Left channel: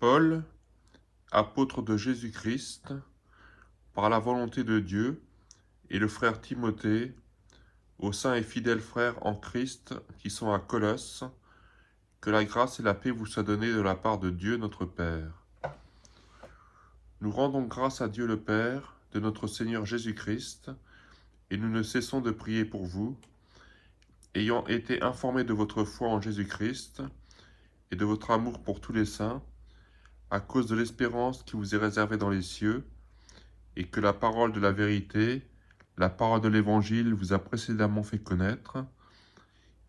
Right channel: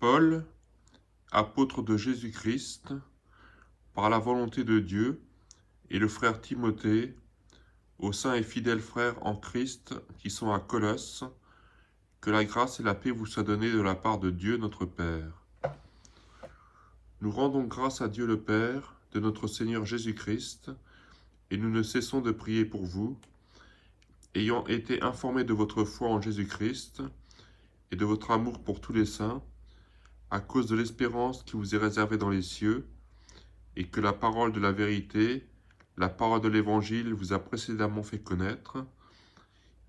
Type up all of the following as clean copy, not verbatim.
Paul, apôtre de Jésus-Christ, par la volonté de Dieu, et le frère Timothée, aux saints et fidèles frères en Christ qui sont à Colosse, que la grâce et la paix vous soient données de la part de Dieu notre Père. Nous rendons grâce à Dieu le Père de notre Seigneur Jésus-Christ, et nous ne cessons de prier pour vous, ayant été informés de votre foi en Jésus-Christ et de votre amour pour tous les saints, à cause de l'espérance qui vous est réservée dans les cieux, et que la parole de la vérité, la parole de l'Évangile vous a précédemment fait connaître.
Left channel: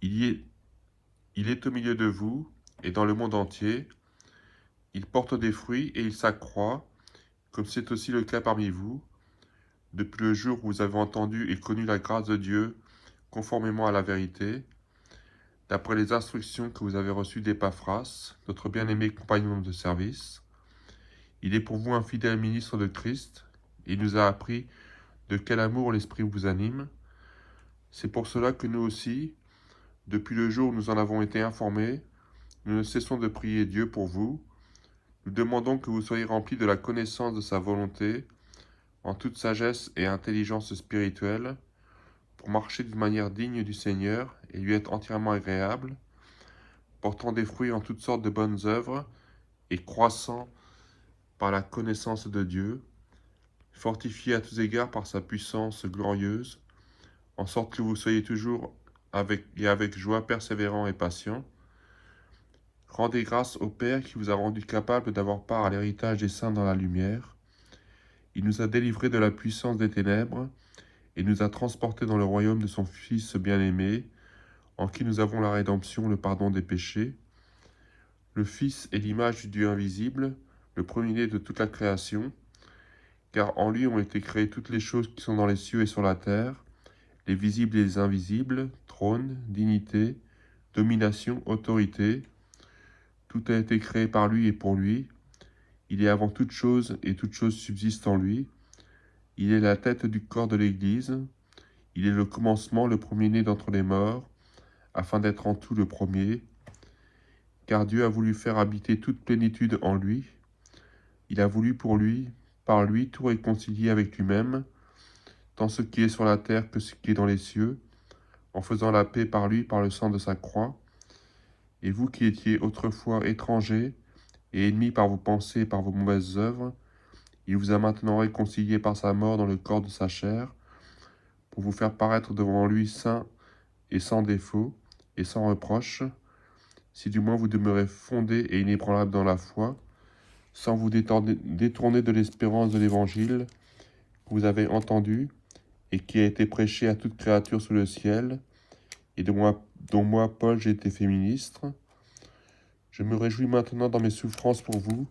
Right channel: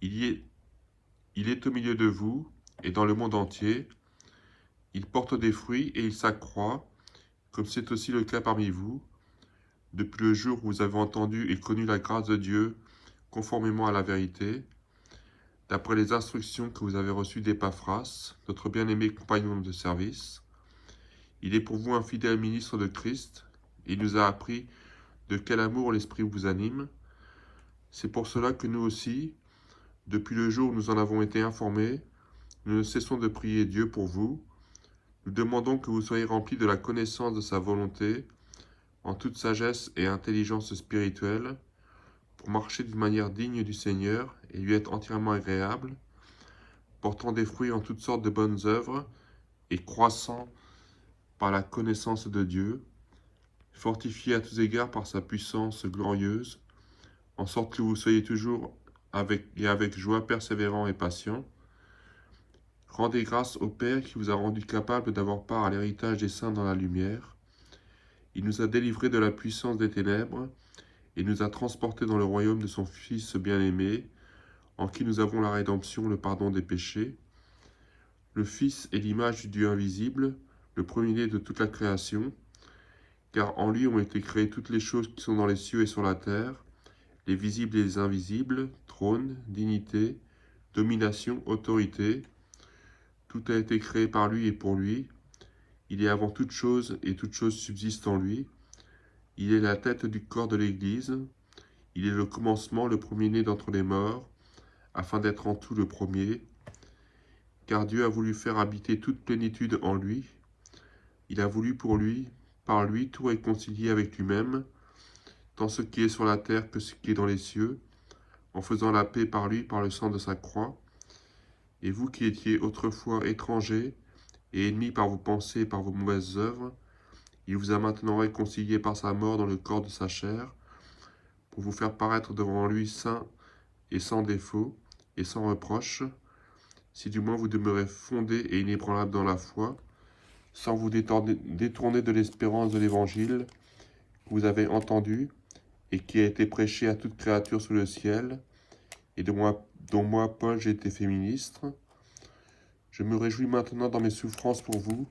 Il est au milieu de vous et dans le monde entier. Il porte des fruits et il s'accroît, comme c'est aussi le cas parmi vous, depuis le jour où vous avez entendu et connu la grâce de Dieu, conformément à la vérité, d'après les instructions que vous avez reçues d'Épaphras, notre bien-aimé compagnon de service. Il est pour vous un fidèle ministre de Christ, et il nous a appris de quel amour l'Esprit vous anime. C'est pour cela que nous aussi, depuis le jour où nous en avons été informés, nous ne cessons de prier Dieu pour vous. Nous demandons que vous soyez remplis de la connaissance de sa volonté, en toute sagesse et intelligence spirituelle, pour marcher d'une manière digne du Seigneur et lui être entièrement agréable, portant des fruits en toutes sortes de bonnes œuvres et croissant par la connaissance de Dieu, fortifié à tous égards par sa puissance glorieuse, en sorte que vous soyez toujours avec joie persévérant et patient. Rendez grâce au Père qui vous a rendu capable d'avoir part à l'héritage des saints dans la lumière. Il nous a délivrés de la puissance des ténèbres et nous a transportés dans le royaume de son Fils bien-aimé, en qui nous avons la rédemption, le pardon des péchés. Le Fils est l'image du Dieu invisible, le premier-né de toute la création, car en lui ont été créées toutes les choses qui sont dans les cieux et sur la terre, les visibles et les invisibles, trône, dignité, domination, autorité. Tout a été créé par lui et pour lui. Il est avant toute chose et toute chose subsiste en lui. Il est la tête du corps de l'Église. Il est le commencement, le premier-né d'entre les morts, afin d'être en tout le premier. Car Dieu a voulu faire habiter toute plénitude en lui. Il a voulu pour lui, par lui, tout réconcilier avec lui-même, tant ce qui est sur la terre que ce qui est dans les cieux, en faisant la paix par lui, par le sang de sa croix. Et vous qui étiez autrefois étrangers et ennemis par vos pensées et par vos mauvaises œuvres, il vous a maintenant réconciliés par sa mort dans le corps de sa chair, pour vous faire paraître devant lui saint et sans défaut et sans reproche, si du moins vous demeurez fondés et inébranlables dans la foi, sans vous détourner de l'espérance de l'Évangile que vous avez entendu et qui a été prêché à toute créature sous le ciel, et dont moi, Paul, j'ai été fait ministre. Je me réjouis maintenant dans mes souffrances pour vous,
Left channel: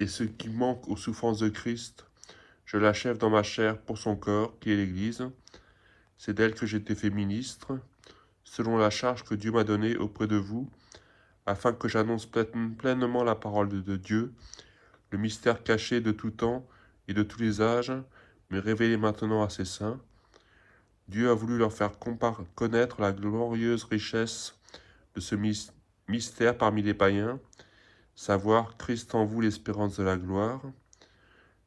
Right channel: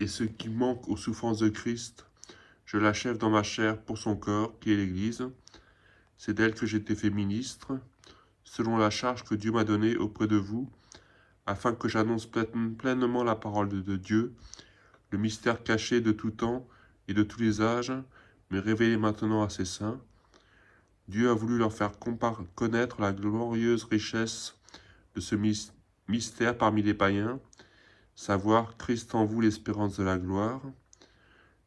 et ce qui manque aux souffrances de Christ, je l'achève dans ma chair pour son corps, qui est l'Église. C'est d'elle que j'ai été fait ministre, selon la charge que Dieu m'a donnée auprès de vous, afin que j'annonce pleinement la parole de Dieu, le mystère caché de tout temps et de tous les âges, mais révélé maintenant à ses saints. Dieu a voulu leur faire connaître la glorieuse richesse de ce mystère parmi les païens, savoir Christ en vous, l'espérance de la gloire.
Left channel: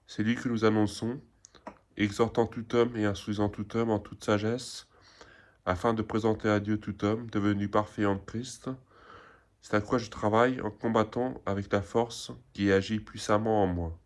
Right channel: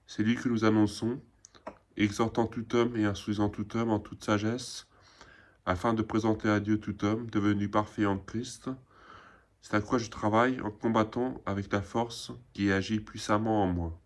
C'est lui que nous annonçons, exhortant tout homme et instruisant tout homme en toute sagesse, afin de présenter à Dieu tout homme devenu parfait en Christ. C'est à quoi je travaille en combattant avec la force qui agit puissamment en moi.